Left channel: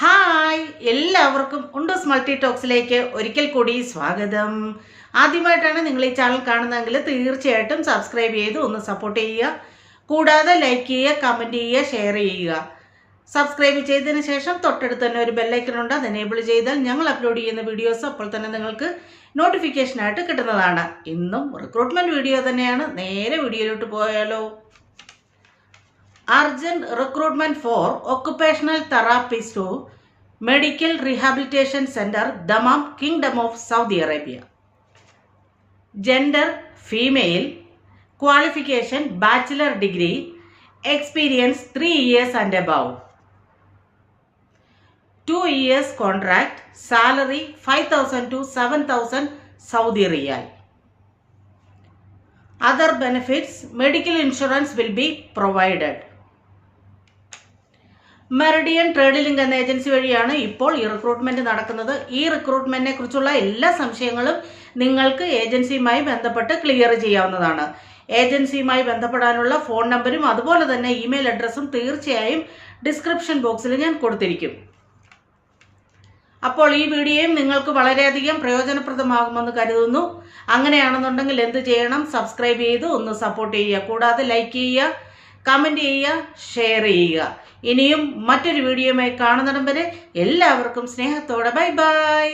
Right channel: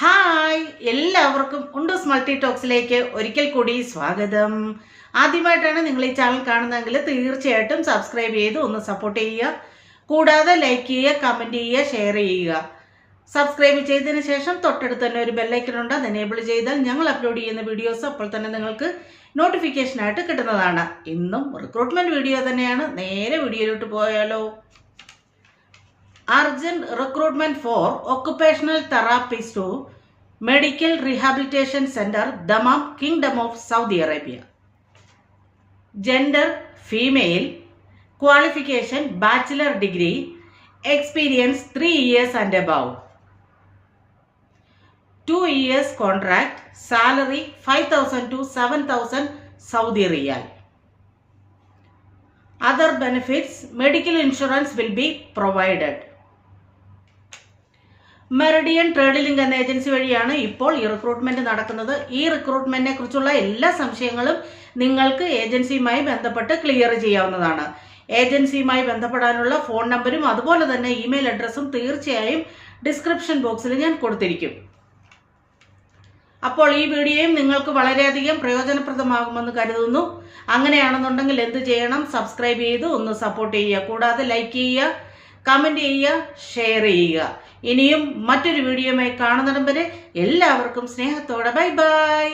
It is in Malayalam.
ഹായ്, എല്ലാവർക്കും ഉണ്ടൂസ് മൾട്ടി ടോക്സിലേക്ക് ഒരിക്കൽ കൂടി സ്വാഗതം. ആദ്യമായിട്ടാണ് നിങ്ങൾ ഈ ചാനൽ കാണുന്നതെങ്കിൽ തീർച്ചയായിട്ടും സബ്സ്ക്രൈബ് ചെയ്ത് ഒന്ന് സപ്പോർട്ട് ചെയ്യുക. കൂടാതെ ലൈക്ക് ചെയ്യുക, കമൻറ്റ് ചെയ്യുക, ഷെയർ ചെയ്യുക. സബ്സ്ക്രൈബ് ചെയ്തതിന് ശേഷം തൊട്ടടുത്ത് തന്നെ ഒരു ബെല്ലൈക്കൺ ഉണ്ട്. അത് എനേബിൾ ചെയ്താൽ ഞങ്ങൾ അപ്ലോഡ് ചെയ്യുന്ന വീഡിയോസ് അപ്പോൾ തന്നെ നിങ്ങൾക്ക് നോട്ടിഫിക്കേഷനായിട്ട് കിട്ടുന്നതാണ്. ഇന്നും റിക്രൂട്ട്മെൻറ്റ് വീഡിയോ തന്നെയാണ്. നേരെ വീഡിയോയിലോട്ട് പോയാലോ. Urgent recruitment for occupational therapist to Medical Rehabilitation Center, Dammam, Kingdom of Saudi Arabia. Gender female, qualification bachelor degree, experience 3 years and above. 2 years contract, salary 5,000 to 7,000 Saudi Riyal. Other benefits, medical insurance will be provided. Meridian trade link എന്ന ഏജൻസി വഴിയാണ് ഇപ്പോൾ ഈ റിക്രൂട്ട്മെന്റ് നടക്കുന്നത്. ഈ റിക്രൂട്ട്മെന്റിനെ കുറിച്ചുള്ള എല്ലാ സംശയങ്ങളും നിങ്ങൾക്ക് ഏജൻസിയുമായി ബന്ധപ്പെട്ട് ക്ലിയർ ചെയ്യാവുന്നതാണ്. ഏജൻസിയുമായി ബന്ധപ്പെടാനുള്ള ഫോൺ നമ്പരും അതുപോലെ തന്നെ ഇമെയിൽ അഡ്രസ്സും തീർച്ചയായും ഡിസ്ക്രിപ്ഷൻ ബോക്സിൽ ഞാൻ കൊടുത്തിരിക്കും. അപ്പോൾ ഈ വീഡിയോയും നിങ്ങൾക്ക് വളരെയധികം പ്രയോജനപ്രദമാകുമെന്ന് കരുതുന്നു. അങ്ങനെയാണെന്നുണ്ടെങ്കിൽ എന്ത് ചെയ്യണം? സബ്സ്ക്രൈബ് ചെയ്ത് ഒന്ന് സപ്പോർട്ട് ചെയ്യുക. കൂടാതെ ലൈക്ക് ചെയ്യുക, കമൻറ്റ് ചെയ്യുക, ഷെയർ ചെയ്യുക. ഇനിയും മറ്റൊരു വീഡിയോയുമായി കാണുന്നിടം വരെ എല്ലാവർക്കും സ്നേഹത്തോടെ ബൈ ബൈ.